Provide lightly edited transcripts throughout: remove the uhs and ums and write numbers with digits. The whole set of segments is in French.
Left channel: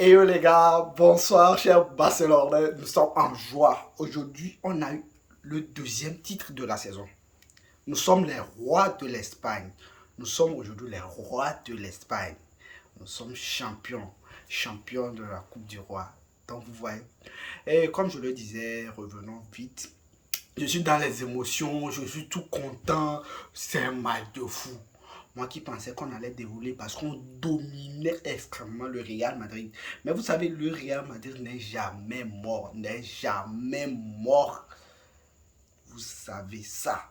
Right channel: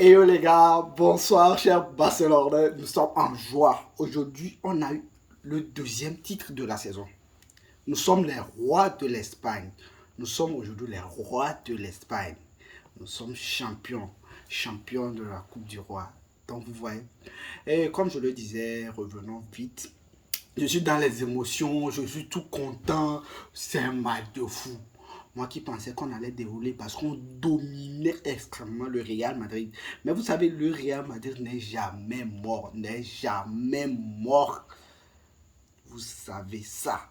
Hello les gars, bonsoir chers Barcelonais, nous sommes en joie. Aujourd'hui, on a eu le deuxième titre de la saison. Nous sommes les rois de l'Espagne. Nous sommes aujourd'hui les rois de l'Espagne. Nous sommes champions, champions de la Coupe du Roi. Donc vous voyez, et comme je le disais, revenons vite. Je suis dans les émotions, je suis tout content. C'est un match de fou. Moi qui pensais qu'on allait dérouler parce qu'on dominait extrêmement le Real Madrid. Mais vous savez, le Real Madrid n'est jamais mort, n'est jamais mort. Vous savez ça.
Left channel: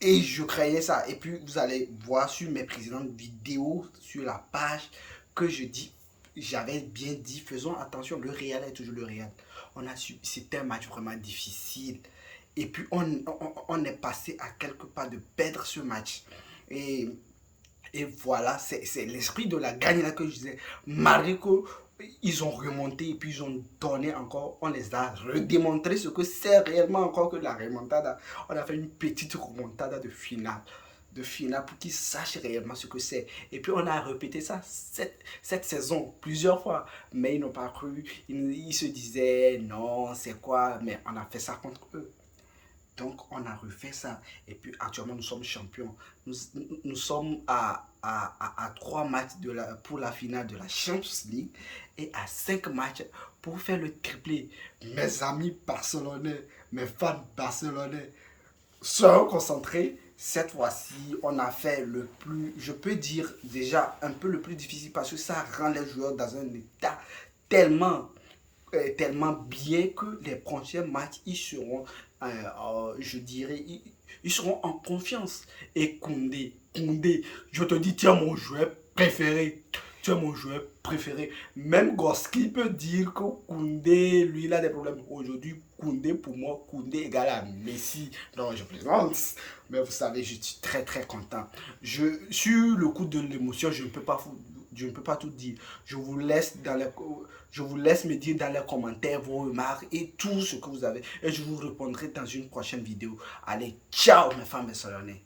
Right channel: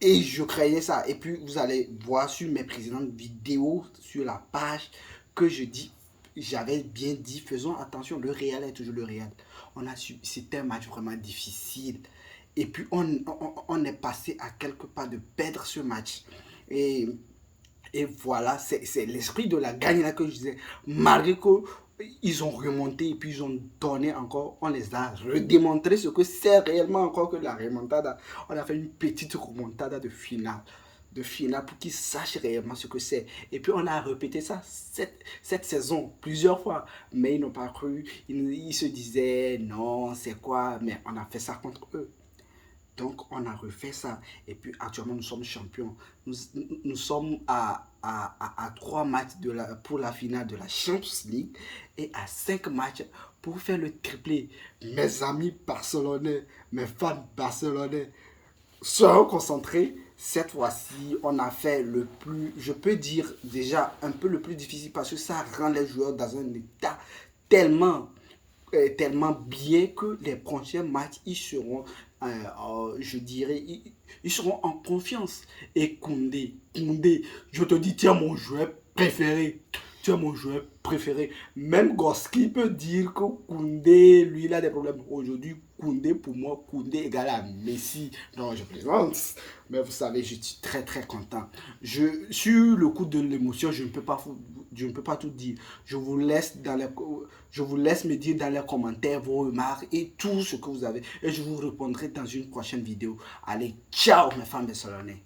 Et je craignais ça. Et puis, vous allez voir sur mes précédentes vidéos, sur la page, que je dis, j'avais bien dit, faisons attention, le Real est toujours le Real. C'était un match vraiment difficile. Et puis, on est passé à quelques pas de perdre ce match. Et et voilà, c'est l'esprit de la gagne là que je disais. Malgré qu'ils ont remonté et puis ils ont donné encore, on les a redémontré ce que c'est réellement encore que la remontada. On a fait une petite remontada de finale pour qu'ils sachent réellement ce que c'est. Et puis on a répété ça cette saison plusieurs fois, mais ils n'ont pas cru. Ils se disaient non, c'est quoi, mais on a fait ça contre eux. Donc, on a refait ça. Et puis, actuellement, nous sommes champions. Nous sommes à 3 matchs pour la finale de la Champions League et à 5 matchs pour faire le triplé. Mes amis barcelonais, mes fans barcelonais, seront concentrés. Cette fois-ci, on a fait le plus, je peux dire déjà un peu le plus difficile parce que ça rend les joueurs dans un état tellement tellement bien que les prochains matchs, ils seront, je dirais, ils seront en confiance. Et Koundé, je te dis, tu es mon joueur préféré. Tu es mon joueur préféré. Même Goski peut dire que Koundé, lui, il a des problèmes. Aujourd'hui, Koundé, pour moi, Koundé égale à Messi. Non, je plaisante. Mais vous savez, je suis très, très content. Sur le coup de l'émotion, je ne peux pas tout dire. Je vous laisse me dire dans les commentaires vos remarques et tout ce que vous avez. Et je vous répondrai dans une prochaine vidéo. Allez, ciao mes femmes et solonnés.